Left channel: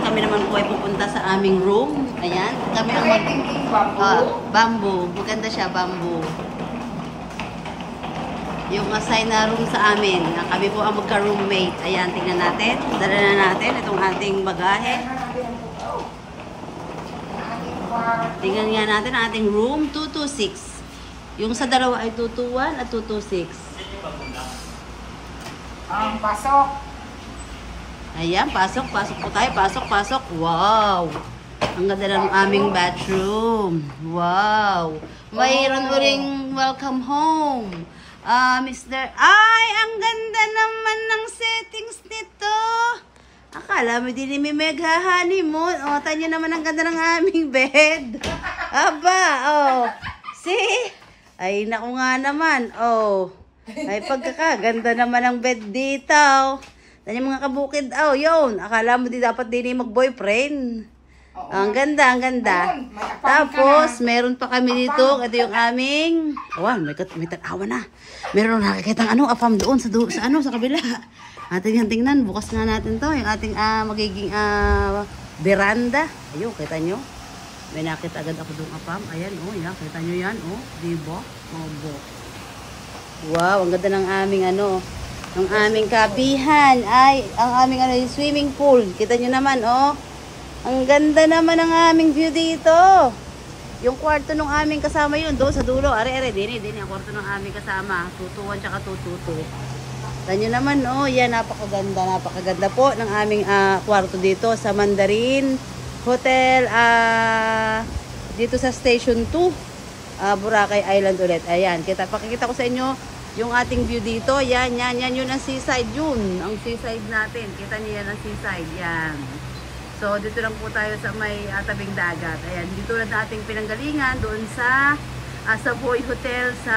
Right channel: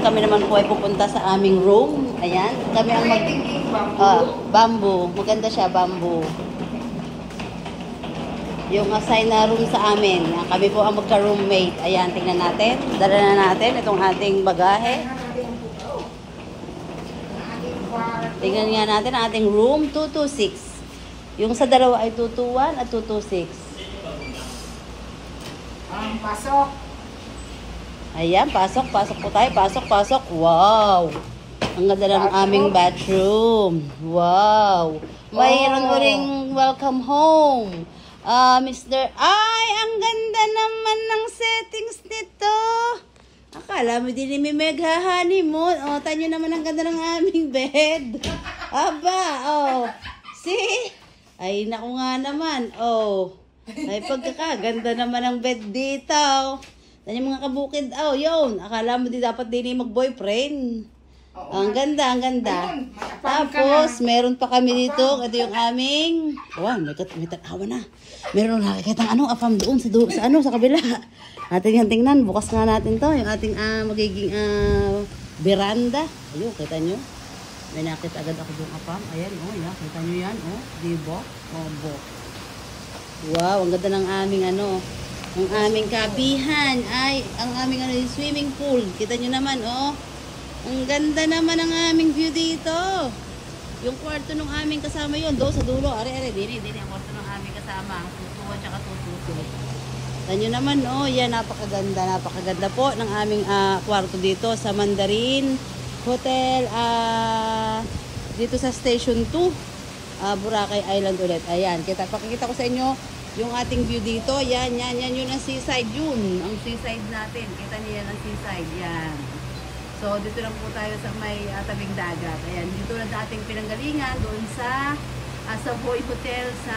kami naman po ay pupunta sa aming room. Ayan, kami ang bamboo. Maganda siya, bamboo. Yung assign na room sa amin. Kami po ang magka-roommate. Ayan, tingnan natin. Dala na natin itong ating bagahe. Tingnan nga natin ang ating room 226. Yung sa dalawa ay 221 at 226. Pasok. Ayan, pasok po tayo. Pasok. Wow! Ang ganda ng aming bathroom. Wow! Mayroon mo ring welcome home. Mr. Ay, ang ganda naman ng settings nito. Akala mo din may honeymoon. O, tanyo naman ang ganda ng aming bed. Aba, oh. See? Ay, naku nga naman. Oh. Ay, pagkakaganda naman ang bed dito. Tanyo mga kabukid. Oh, yun. Akala mo di dapat din mag-boyfriend. Ang ganda, ang ganda. Tapos, meron pa kami dito. Ito yung aming... Oh, may tanawa na. Meron nakikita ng afam doon sa kabila. Ating tingnan, bukas nga natin to. Yung ating magiging veranda. Ayun, kita nyo. May nakita agad ako doon afam. Ayan, oh, yan. Kita nyo yan, oh. Diba? Oh, wow, ang ganda ng aming ang aming kapihan. Ay, ang aming yung swimming pool. Kita nyo naman, oh. Ang ganda naman ng aming view dito. Yung kwarto ng aming kasama yun, do sa dulo. Are, din ang kwarto ng aming kasama. 221 tsaka 222. Tanyo naman, oh, yan, napakaganda po ng aming kwarto dito sa Mandarin Hotel, dito sa Station 2, Boracay Island ulit. Ayan, pakikita ko sa inyo yung ating view dito. Yan, yun ang seaside yun. Ang seaside natin. Kita niyo yan ang seaside, yan. So, dito lang po tayo sa may tabing dagat. Ayan, dito na dating pinanggalingan doon sa Savoy Hotel sa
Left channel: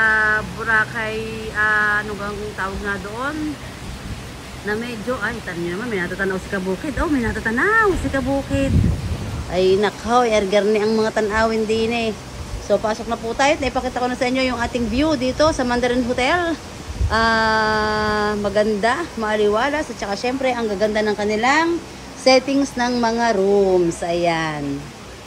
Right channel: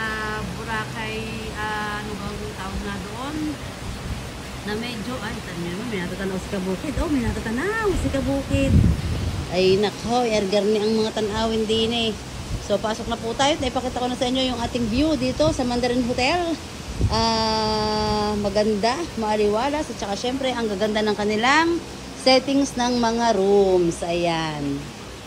Boracay, ano bang tawag nga doon? Na medyo, ay, tanong naman, may natatanaw si Kabukid. Oh, may natatanaw si Kabukid. Ay, nakaw, ergarni ang mga tanawin din eh. So, pasok na po tayo. Ipakita ko na sa inyo yung ating view dito sa Mandarin Hotel. Maganda, maaliwalas, at saka syempre, ang gaganda ng kanilang settings ng mga rooms. Ayan.